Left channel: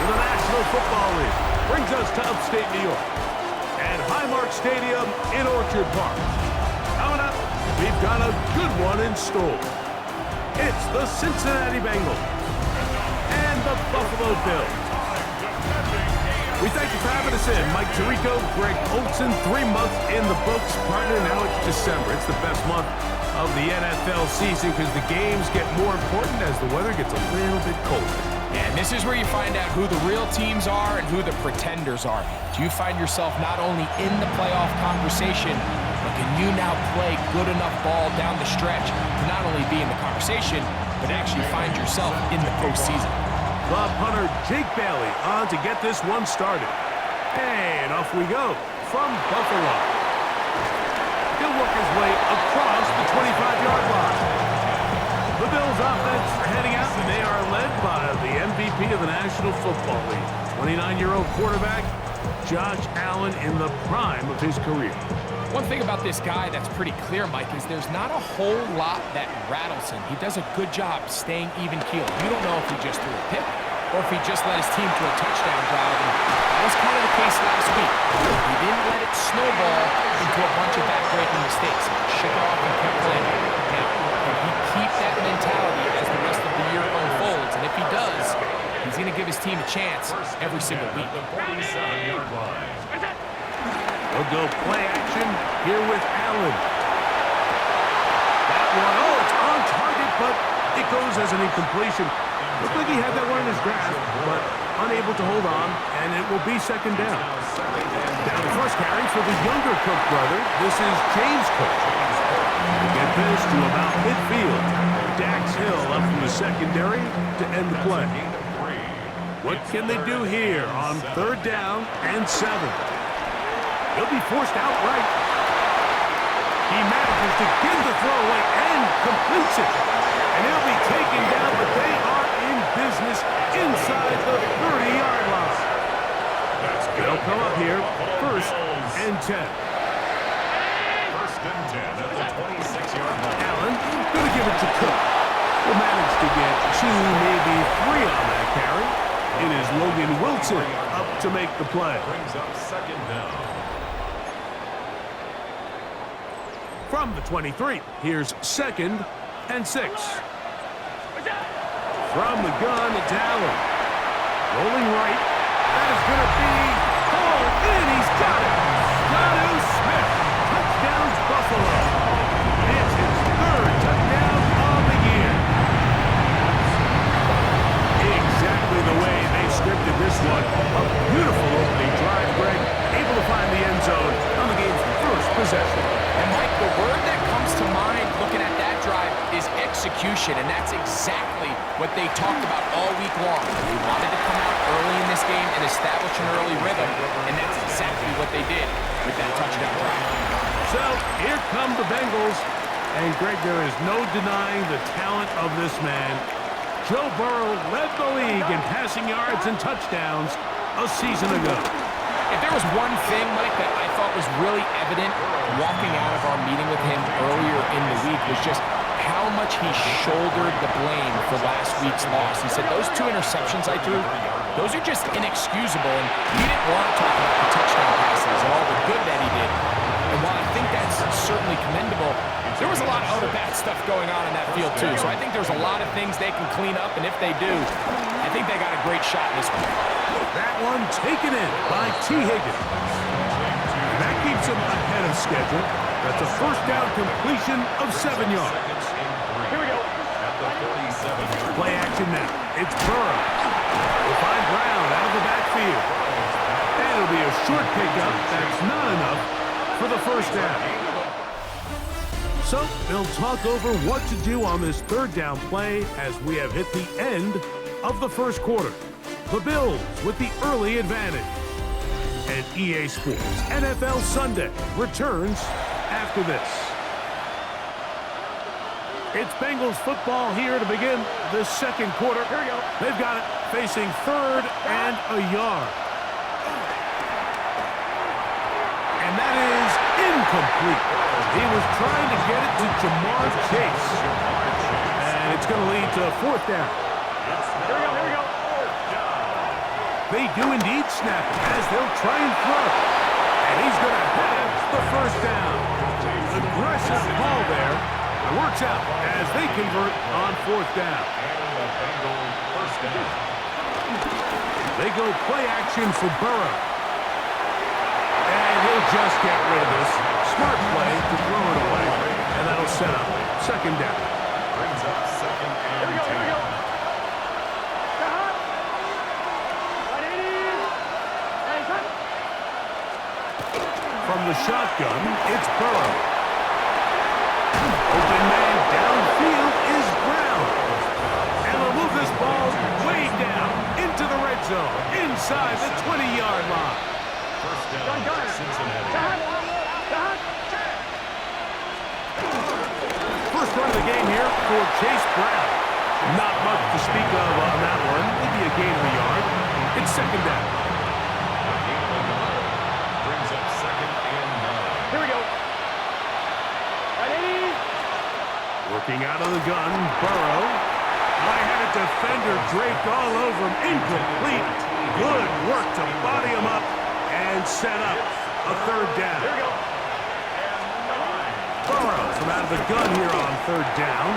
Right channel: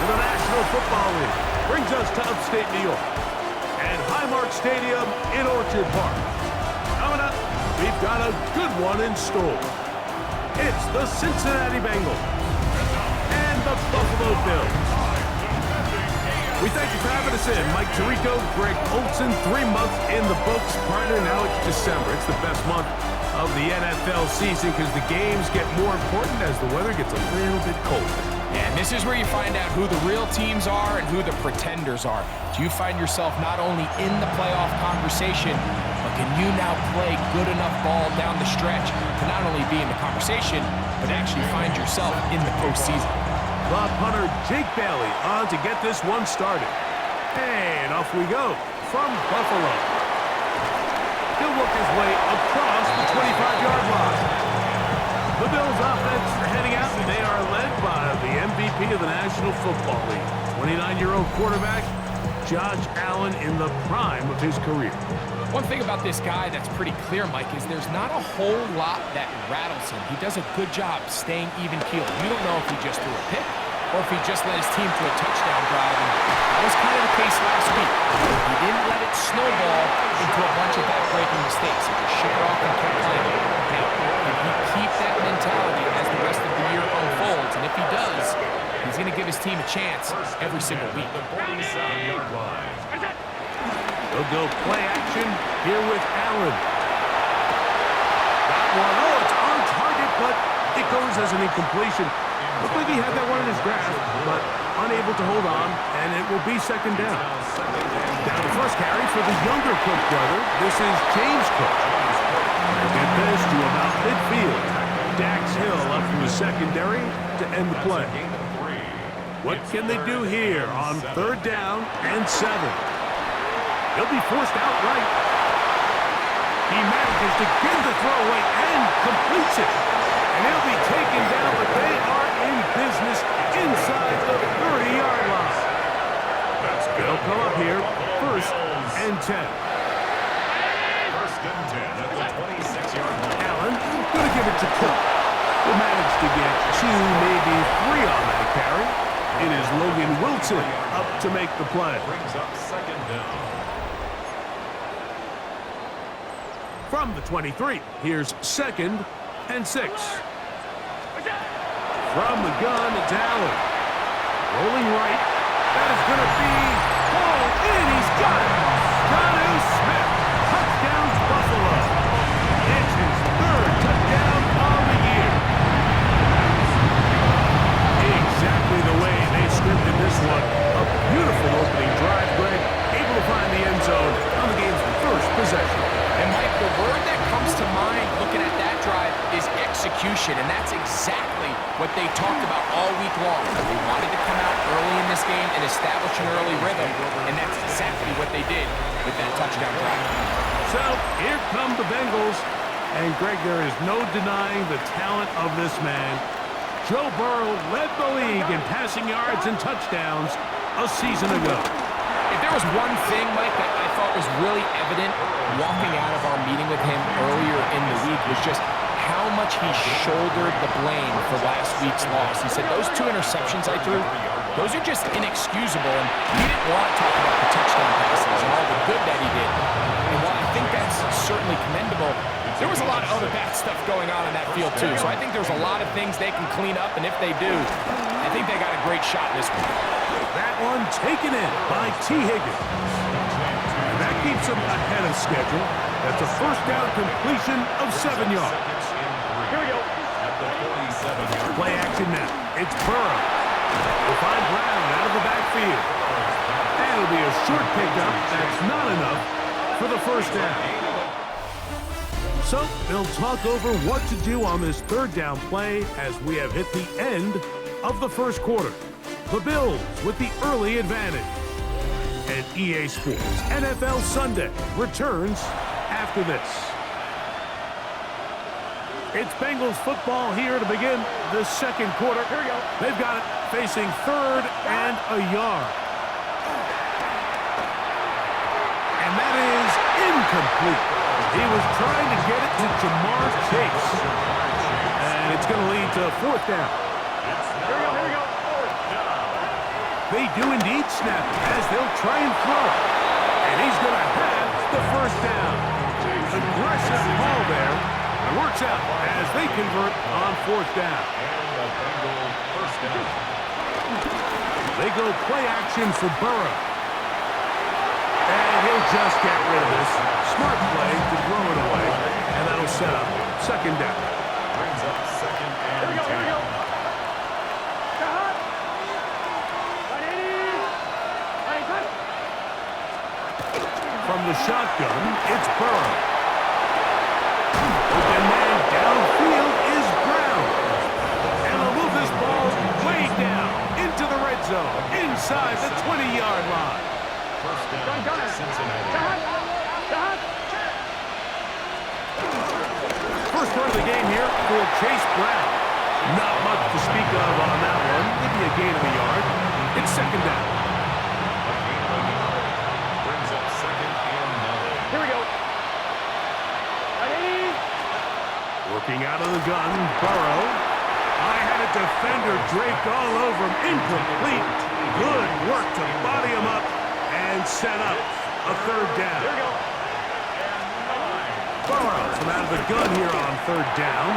in the National Football League brings us to upstate New York and Highmark Stadium in Orchard Park. Coming up, we've got a good one in store. It's the Cincinnati Bengals and the Buffalo Bills. We thank you for having us in. Mike Tirico, Greg Olson, 3 months in the books. Partner, now it's December. It's the best month of the NFL season because the games get more important as the weather gets a little bit colder. Yeah, and this is where you find out who the real teams are and who the pretenders are. Do you find yourself not only in the playoff conversation, but can you now play good enough ball down the stretch to not only be in the conversation, but actually find yourself in the postseason? The punter, Jake Bailey, on to get this one started. And off we go from Buffalo. He'll work his way across the 25-yard line. The Bills offense heading out, and they are led by the MVP of the National Football League, 29-year-old quarterback, Josh Allen, in the prime of his career. One thing about this guy that's pretty clear, Mike, is there's not a whole lot that rattles him. He does a good job staying even-keeled. You don't know if he just threw a pick or if he just led his team to a touchdown drive, and that was kind of the case last week. He didn't let it snowball into a bunch of back-breaking mistakes. He just shook it off and kept playing. Now, can he keep that mentality as the rest of the year unfolds? And if he does, he's going to give his team a chance every single week. They'll go play action here with Allen. That one, it's on target, but it goes as an incompletion. Looked like he had that one in his grasp, but unable to hold on, and it will be second down. Now the first carry for the younger Cook brother. This is James Cook. We'll get this to about midfield. Dax Hill up from the secondary to end the play. What can they do here on 3rd down and 7? He'll be forced outright. He manages to get the throwaway and completes it. And he'll be taken down, but they are in business inside the 30-yard line. They'll come up here, 1st and 10. 1st and 10 at the 26-yard line. Allen going to give it to Cook. Will manage to get 2, maybe 3 on that carry. It is Logan Wilson up to make the play. Brings up 2nd down. From the 23, here's 2nd and 6. From the gun, it's Allen. Rolling right. That is going to be hauled in. He's got it. Jonnu Smith. Touchdowns, Buffalo. It's his 3rd touchdown of the year. Exactly the way they scripted this one. A beautiful opening drive, Greg. Able to find the end zone on the game's first possession. And Mike, the word that comes to mind looking at that drive is execution, and that's exactly what they talked about all week long. They wanted to come out early in this game and establish an early rhythm, and that's exactly what they did with that touchdown drive. So here come the Bengals, and Greg, there is no denying the talent of this man. Joe Burrow led the league in passing yards and touchdowns a season ago. If there was one thing, Mike, that I thought was really evident walking out of our meeting with him earlier in the week was just how much he shouldered the blame for last week's loss. He said, those 2 interceptions I threw, those are just inexcusable, and he didn't want to talk about the touchdown passes and all the good that he did. And while I think that's certainly commendable, there was a lot of other bad stuff going on in that field, too. So I think there's a lot of things they can clean up, and if they do, I think they got a great shot in this one. That one taken in by T. Higgins. And that keeps him ahead of schedule. That's a 1st down completion of 7 yards. Here we go. At the 47-yard line. Play action now. It's Burrow. We'll find Brown out of the backfield. And it'll be a short pickup. That's not enough for the 1st down. So they'll talk over what to do on this 3rd down play as we have hit the end of the 1st quarter. The Bills with the early advantage. And EA Sports NFL Sunday returns after this. It's Bengals football here to begin the 2nd quarter. Here we go. They've got it facing 3rd and a yard. And that is incomplete. He was trying to get it to Jamar Chase. And it's going to lead to 4th down. Here we go. They do indeed snap it as they'll try and throw. And he's going to have the first down. Aggressive call there. It works out as they convert on fourth down. And the Bengals first down. They go play action for Burrow. And he'll just get rid of this. Smart play to throw it away. And that'll set up second down. Brings up second and 10. From the shotgun, it's Burrow. Open man downfield is Brown. And they'll move this ball way down into the red zone, inside the 20-yard line. First down, Cincinnati. First run of the game here for Chase Brown. Not much to speak of on that one. Maybe a gain of a yard. It's second down. A gain of a yard. Brings up second and 9. Here we go. Ready? Working out of the gun, Burrow. I had a defender draped all over him. Incomplete. Good work to body him up and set up a third down. Here we go. Burrow from out of the gun here on third down.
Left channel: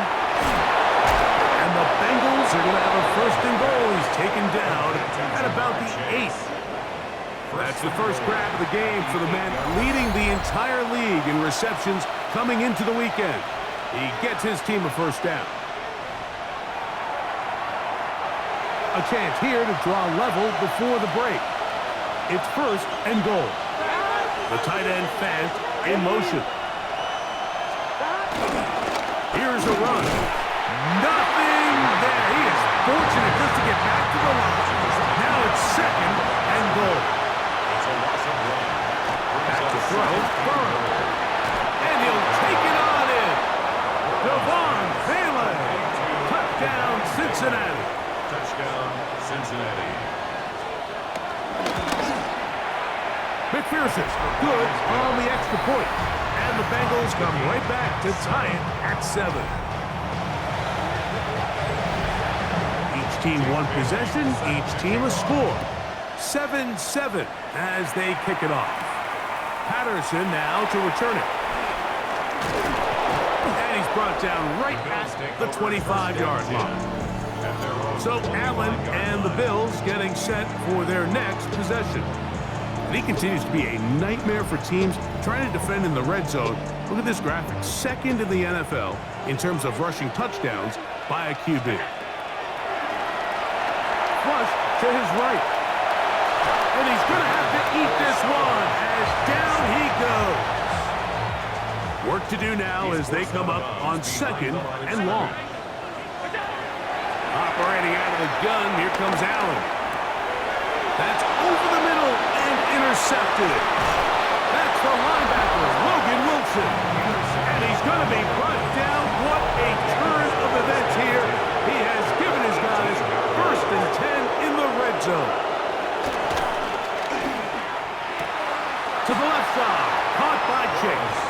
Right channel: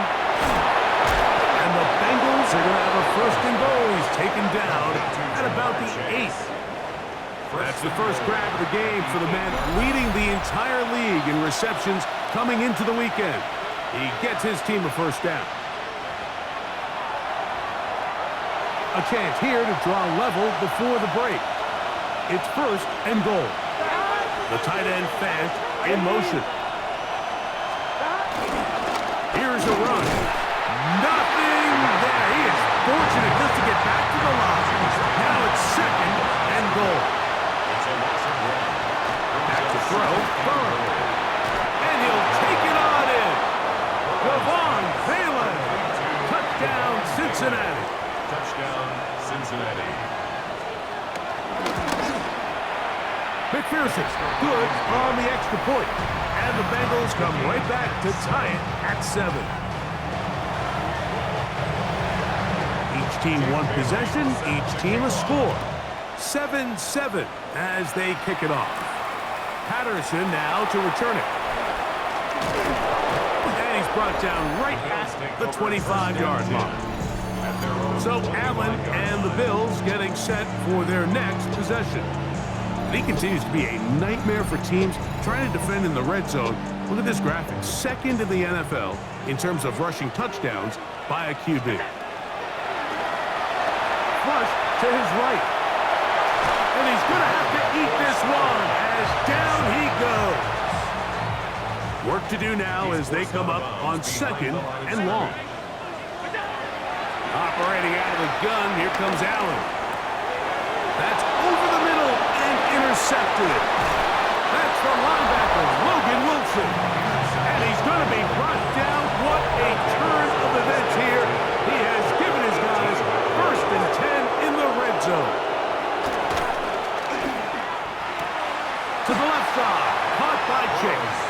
And the Bengals are going to have a first and goal. He's taken down at about the 8th. That's the first grab of the game for the man leading the entire league in receptions coming into the weekend. He gets his team a first down. A chance here to draw level before the break. It's first and goal. The tight end Fant in motion. Here's a run. Nothing there. He is fortunate just to get back to the line. Now it's second and goal. It's a loss of 1. Back to throw. Burrow. And he'll take it on in. Devon Vele. Touchdown, Cincinnati. Touchdown, Cincinnati. McPherson, good on the extra point. And the Bengals come right back to tie it at 7. Each team one possession, each team a score. 7-7 as they kick it off. Patterson now to return it. And he's brought down right at the 25-yard line. So Allen and the Bills getting set for their next possession. And he continues to be a nightmare for teams trying to defend in the red zone. Look at this graphic. Second in the NFL in terms of rushing touchdowns by a QB. Flush to his right. And he's going to have to eat this one as down he goes. Work to do now as they come up on second and long. Operating out of the gun, here comes Allen. That's over the middle and intercepted. That's the linebacker, Logan Wilson. And he's going to be brought down. What a turn of events here. He has given his guys first and 10 in the red zone. To the left side, caught by Chase.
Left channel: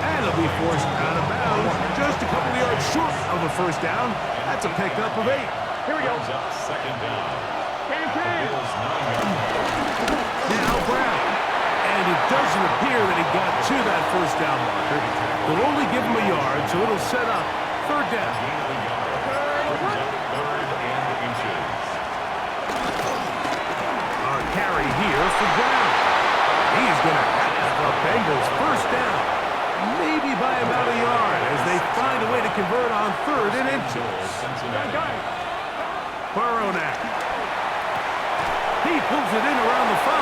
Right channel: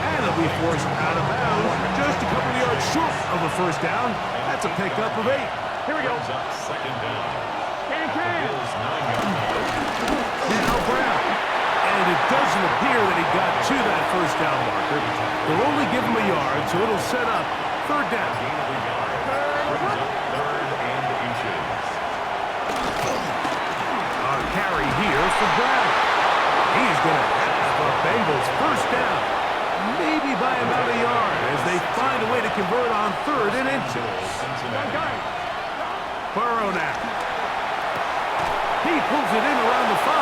And he'll be forced out of bounds, just a couple of yards short of a first down. That's a pickup of 8. Here we go. Second down. Can. Bills 9 yards. Now Brown. And it doesn't appear that he got to that first down marker. They'll only give him a yard, so it'll set up third down. Gain of a yard. Brings up third and inches. A carry here for Brown. He's going to have a Bengals first down. Maybe by about a yard as they find a way to convert on third and inches. Burrow now. He pulls it in around the 5.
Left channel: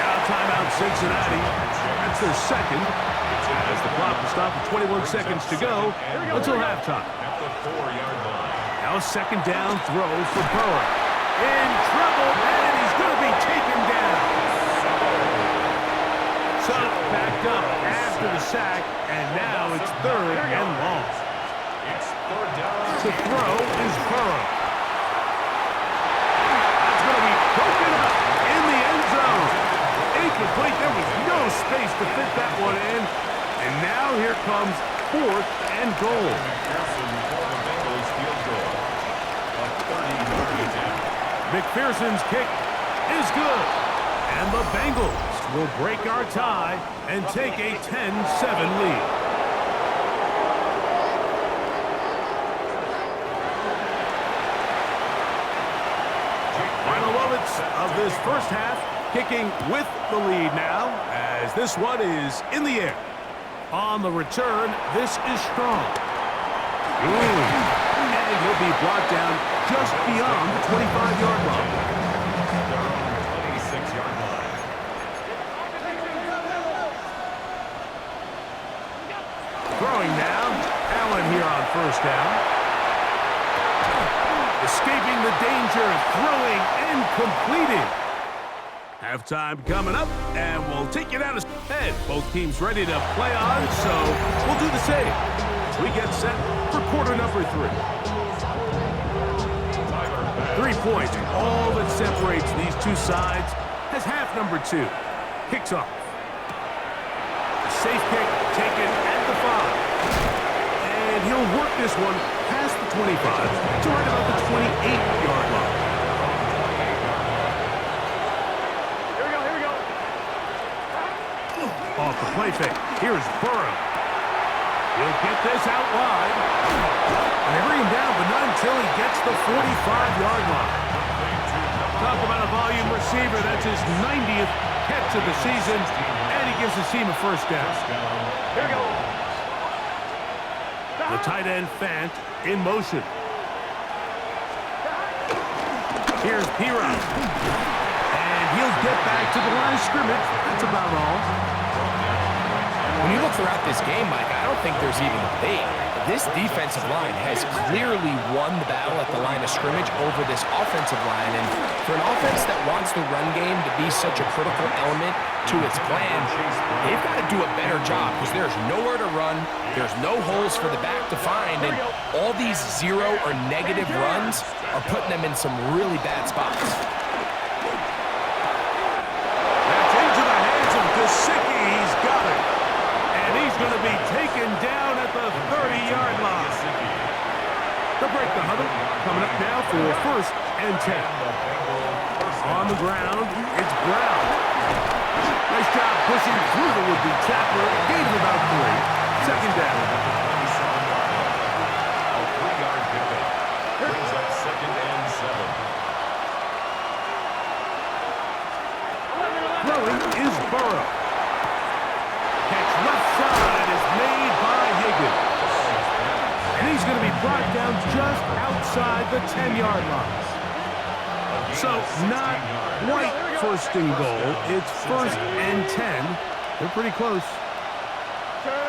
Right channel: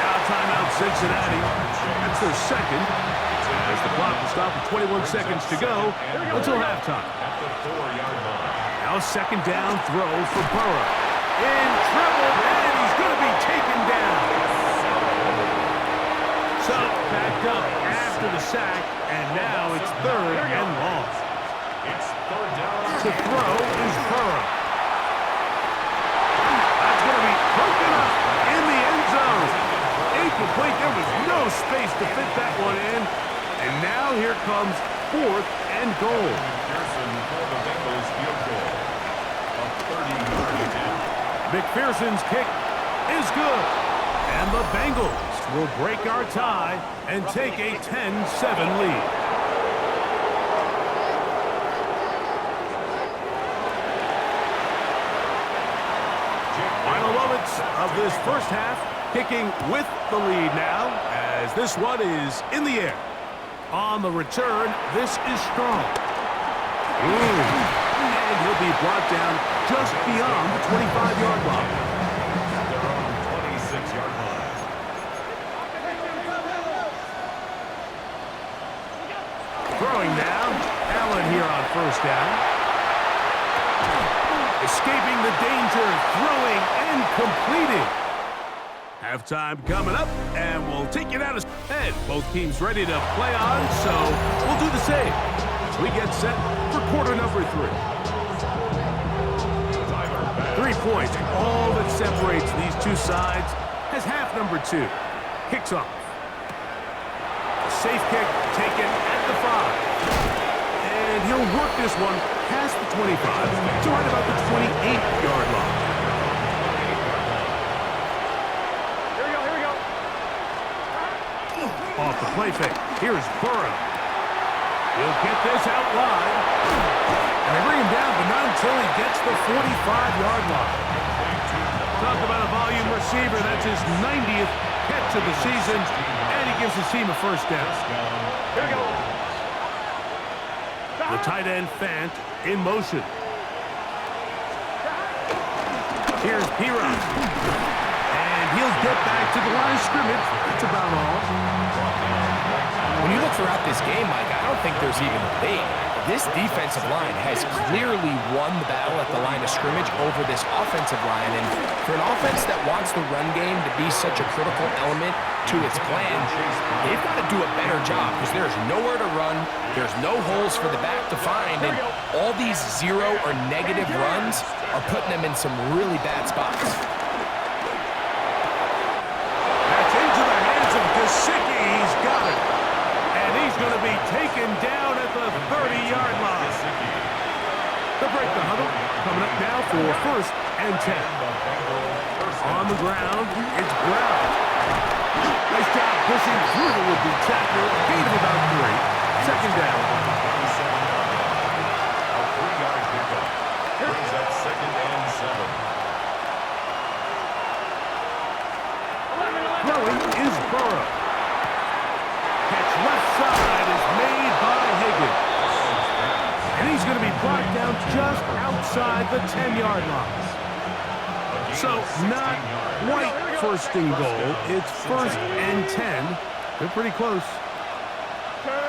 Now timeout Cincinnati. That's their second. As the clock will stop with 21 seconds to go until halftime. At the 4-yard line. Now second down throw for Burrow. In trouble, and he's going to be taken down. So backed up after the sack, and now it's third and long. It's third down. To throw is Burrow. That's going to be broken up in the end zone. Incomplete. There was no space to fit that one in. And now here comes fourth and goal. McPherson for the Bengals field goal. A 30-yard attempt. McPherson's kick is good. And the Bengals will break our tie and take a 10-7 lead. Final moments of this first half, kicking with the lead now as this one is in the air. On the return, this is strong. And he'll be brought down just beyond the 25-yard line. At their own 26-yard line. Throwing now, Allen here on first down. Escaping the danger, throwing and completing. Halftime coming up, and we'll take it out of head. Both teams ready to play on, so we'll do the same. We get set for quarter number 3. 3 points, all that separates these two sides, as half number 2 kicks off. A safe kick taken at the 5. And he'll work this one past the 25 to right about the 28-yard line. Here we go. Off the play fake, here's Burrow. He'll get this out wide. And they bring him down, but not until he gets the 45-yard line. Talk about a volume receiver. That's his 90th catch of the season, and he gives his team a first down. Here we go. The tight end Fant in motion. Here's Piron. And he'll get back to the line of scrimmage. That's about all. When you look throughout this game, Mike, I don't think there's even a debate. This defensive line has clearly won the battle at the line of scrimmage over this offensive line. And for an offense that wants the run game to be such a critical element to its plan, they've got to do a better job because there's nowhere to run. There's no holes for the back to find. And all these zero or negative runs are putting them in some really bad spots. That's into the hands of Gesicki. He's got it. And he's going to be taken down at the 30-yard line. They'll break the huddle. Coming up now for first and 10. On the ground, it's Brown. Nice job pushing through the would-be tackler. Gain of about 3. Second down. A 3-yard pickup. Brings up second and 7. Throwing is Burrow. Catch left side is made by Higgins. And he's going to be brought down just outside the 10-yard line. So not quite first and goal. It's first and 10. They're pretty close.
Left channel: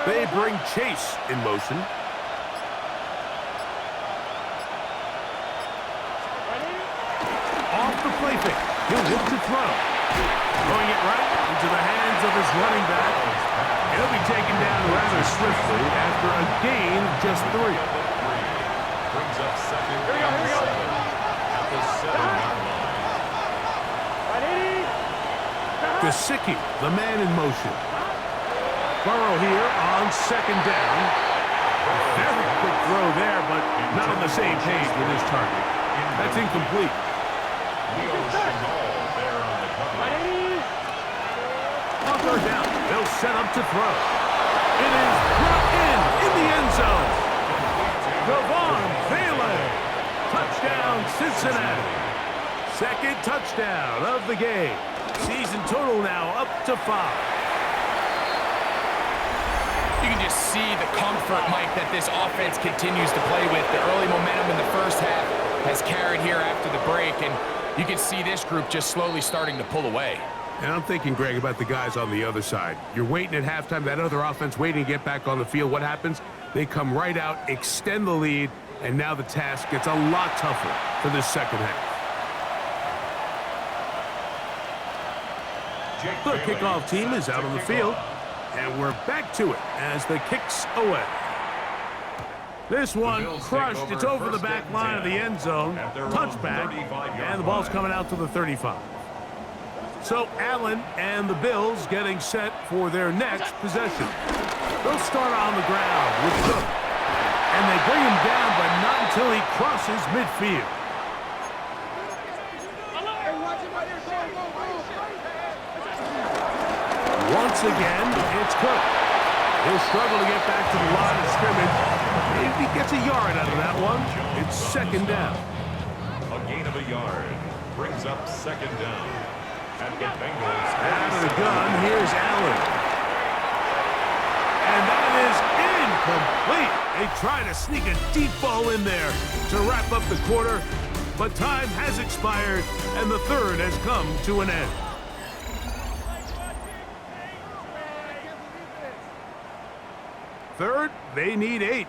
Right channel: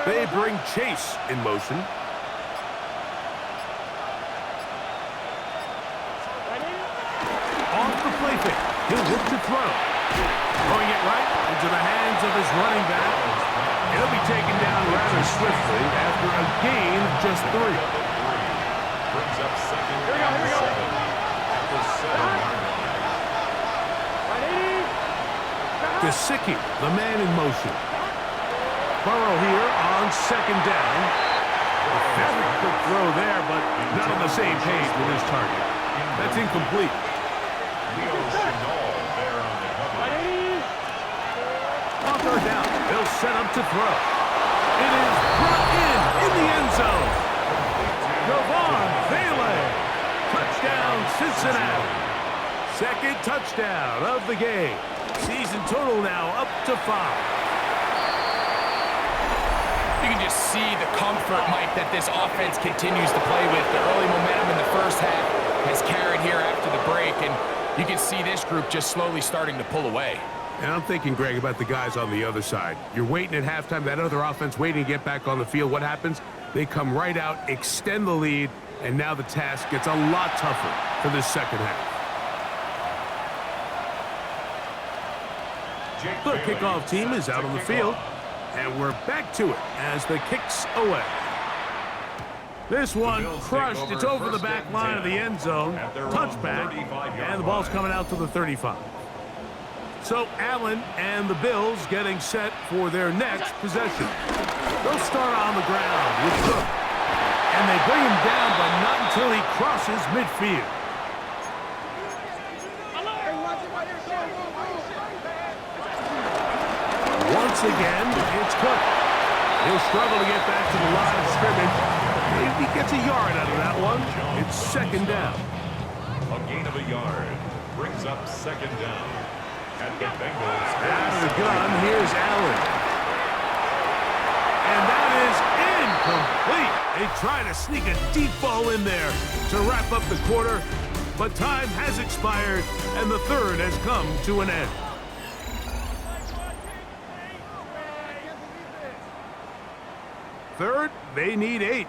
They bring Chase in motion. Off the play fake. He'll look to throw. Throwing it right into the hands of his running back. He'll be taken down rather swiftly after a gain of just 3. Brings up second and 7 at the 7-yard line. Gesicki, the man in motion. Burrow here on second down. Very quick throw there, but not on the same page with his target. That's incomplete. Leo Chenal there on the cover. On third down, they'll set up to throw. It is brought in the end zone. Devon Vele. Touchdown, Cincinnati. Second touchdown of the game. Season total now up to 5. You can just see the comfort, Mike, that this offense continues to play with. The early momentum in the first half has carried here after the break, and you can see this group just slowly starting to pull away. And I'm thinking, Greg, about the guys on the other side. You're waiting at halftime, that other offense waiting to get back on the field. What happens? They come right out, extend the lead, and now the task gets a lot tougher for this second half. The kickoff team is out on the field, and we're back to it as the kick's away. This one crushed. It's over the back line of the end zone. Touchback, and the ball's coming out to the 35. So Allen and the Bills getting set for their next possession. They'll start on the ground with Cook, and they bring him down, but not until he crosses midfield. Once again, it's Cook. He'll struggle to get back to the line of scrimmage. Maybe he gets a yard out of that one. It's second down. A gain of a yard brings up second down. At the Bengals. Out of the gun, here's Allen. And that is incomplete. They try to sneak a deep ball in there to wrap up the quarter, but time has expired, and the third has come to an end. Third, they need 8.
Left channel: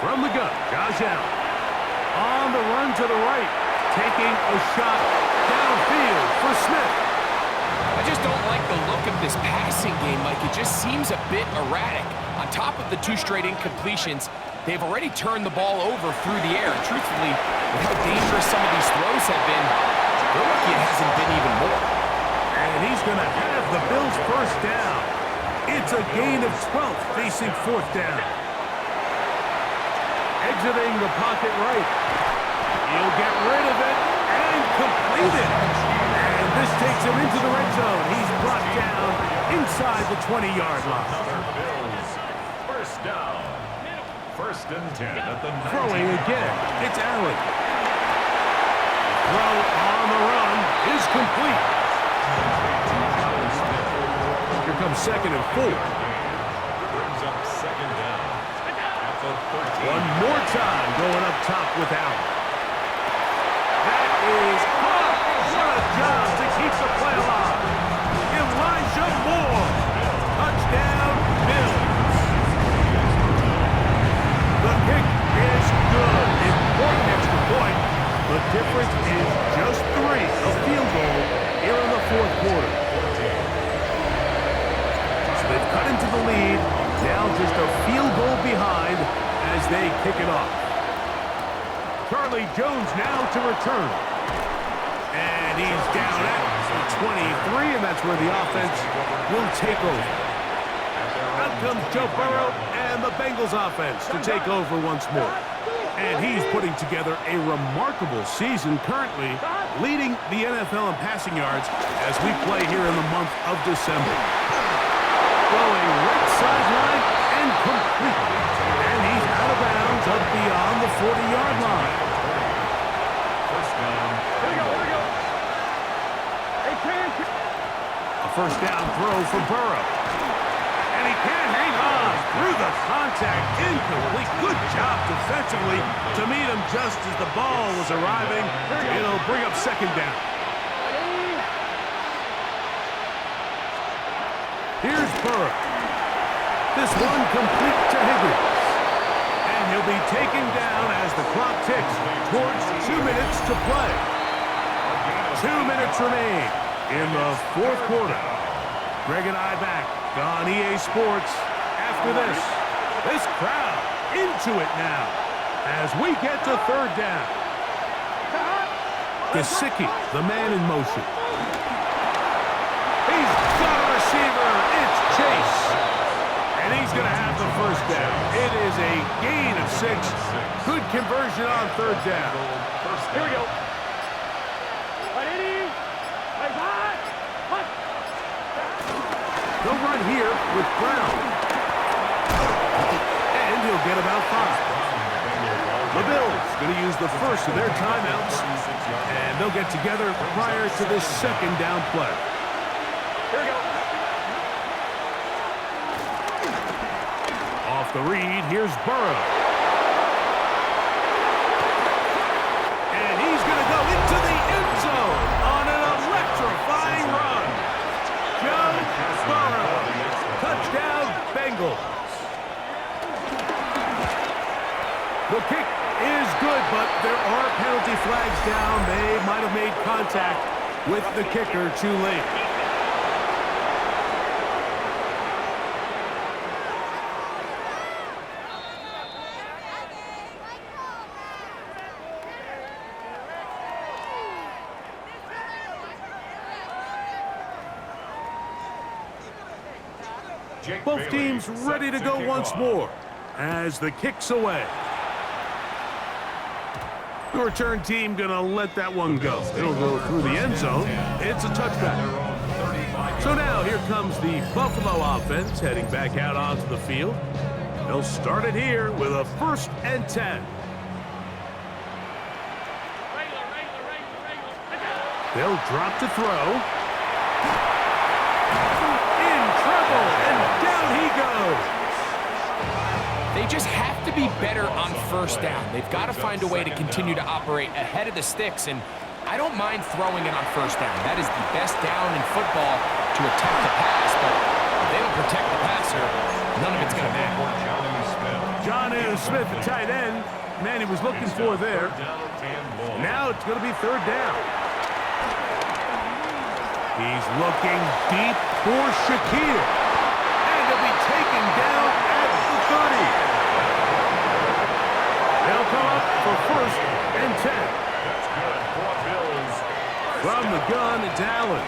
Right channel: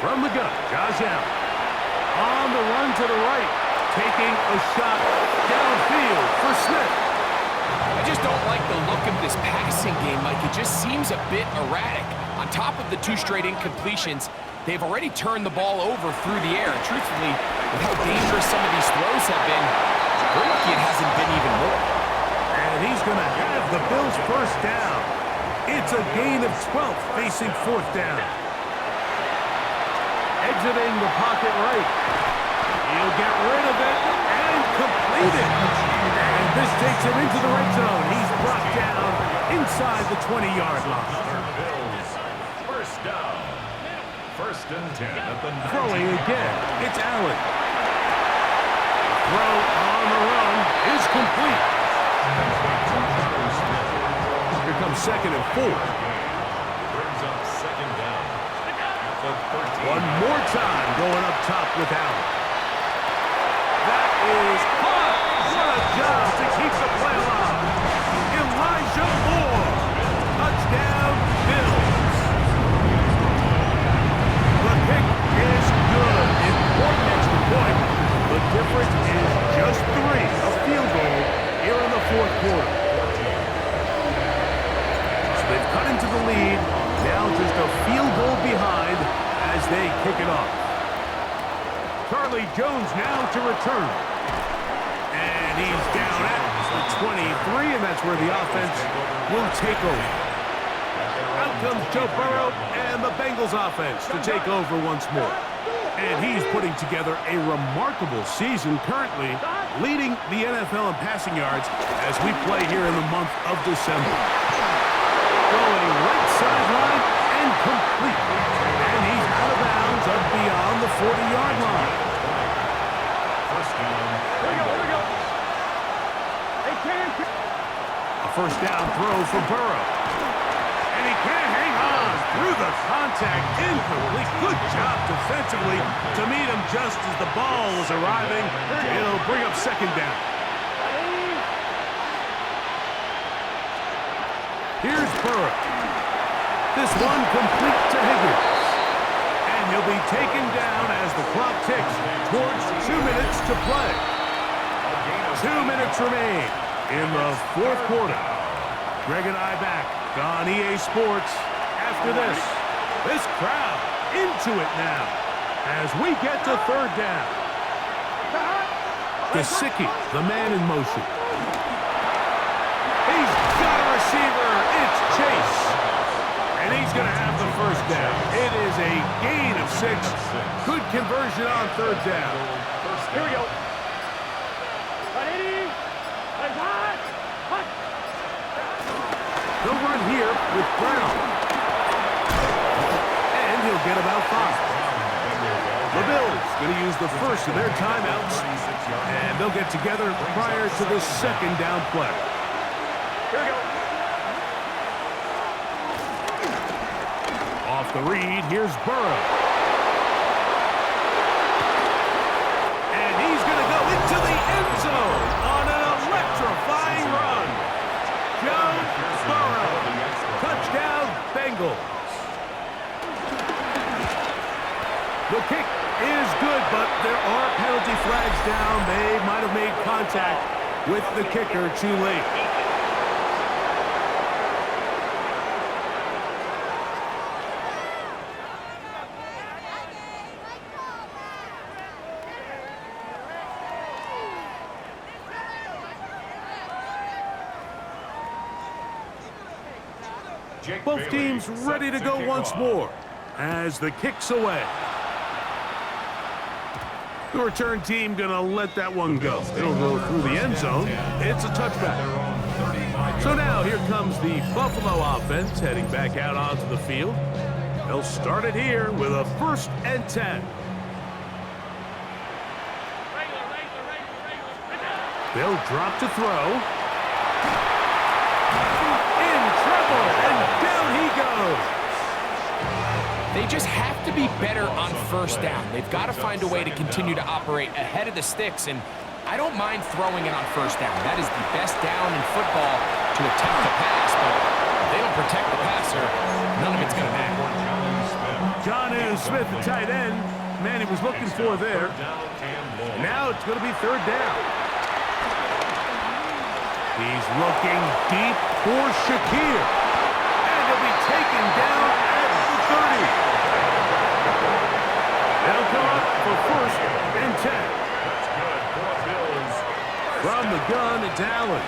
From the gun, Josh Allen. On the run to the right, taking a shot downfield for Smith. I just don't like the look of this passing game, Mike. It just seems a bit erratic. On top of the 2 straight incompletions, they've already turned the ball over through the air. Truthfully, with how dangerous some of these throws have been, they're lucky it hasn't been even more. And he's going to have the Bills' first down. It's a gain of 12 facing fourth down. Exiting the pocket right. He'll get rid of it and complete it. And this takes him into the red zone. He's brought down inside the 20-yard line. Bills. First down. First and 10 at the 19. Throwing again. It's Allen. The throw on the run is complete. Here comes second and 4. Brings up second down at the 13. One more time going up top with Allen. That is hard. What a job to keep the play alive. Elijah Moore. Touchdown, Bills. The kick is good. Important extra point. The difference is just 3. A field goal here in the fourth quarter. So they've cut into the lead. Now just a field goal behind as they kick it off. Charlie Jones now to return. And he's down at the 23, and that's where the offense will take over. Out comes Joe Burrow and the Bengals offense to take over once more. And he's putting together a remarkable season currently, leading the NFL in passing yards as we play here in the month of December. Going right sideline and complete. And he's out of bounds up beyond the 40-yard line. First down. Here we go. Hey, Cam. A first down throw for Burrow. And he can't hang on through the contact. Incomplete. Good job defensively to meet him just as the ball was arriving. It'll bring up second down. Here's Burrow. This one complete to Higgins. And he'll be taken down as the clock ticks towards 2 minutes to play. 2 minutes remain in the fourth quarter. Greg and I back on EA Sports after this. This crowd into it now as we get to third down. Gesicki, the man in motion. He's got a receiver. It's Chase. And he's going to have the first down. It is a gain of 6. Good conversion on third down. Here we go. They'll run here with Brown. And he'll get about 5. The Bills going to use the first of their timeouts. And they'll get together prior to this second down play. Here we go. Off the read, here's Burrow. And he's going to go into the end zone on an electrifying run. Joe Burrow. Touchdown, Bengals. The kick is good, but there are penalty flags down. They might have made contact with the kicker too late. Both teams ready to go once more as the kick's away. The The return team gonna let that one go. It'll go through the end zone. It's a touchback. So now here comes the Buffalo offense heading back out onto the field. They'll start it here with a 1st and 10. They'll drop to throw. In trouble, and down he goes. They just have to be better on 1st down. They've got to find a way to continue to operate ahead of the sticks, and I don't mind throwing it on 1st down. That is the best down in football to attempt to pass, but if they don't protect the passer, none of it's going to matter. Jonnu Smith, the tight end. Man, he was looking for there. Now it's going to be 3rd down. He's looking deep for Shakir. And he'll be taken down at the 30. They'll come up for 1st and 10. That's good for Bills. From the gun, it's Allen.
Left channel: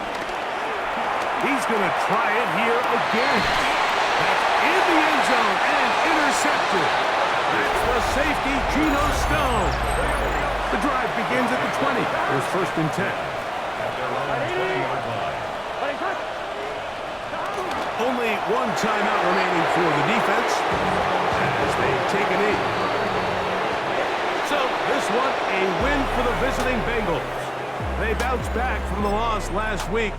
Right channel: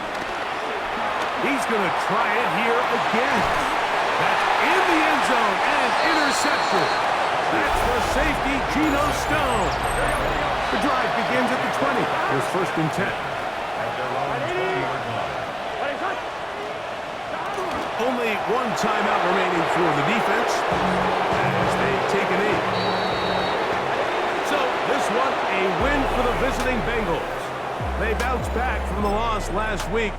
He's going to try it here again. That's in the end zone and intercepted. That's the safety, Geno Stone. The drive begins at the 20. Here's 1st and 10. At their own 20-yard line. Only one timeout remaining for the defense as they take a knee. So this one, a win for the visiting Bengals. They bounced back from the loss last week.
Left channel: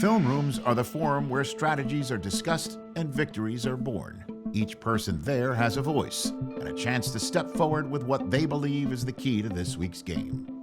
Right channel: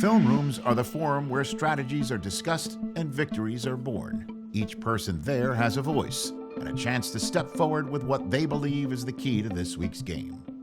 Film rooms are the forum where strategies are discussed and victories are born. Each person there has a voice and a chance to step forward with what they believe is the key to this week's game.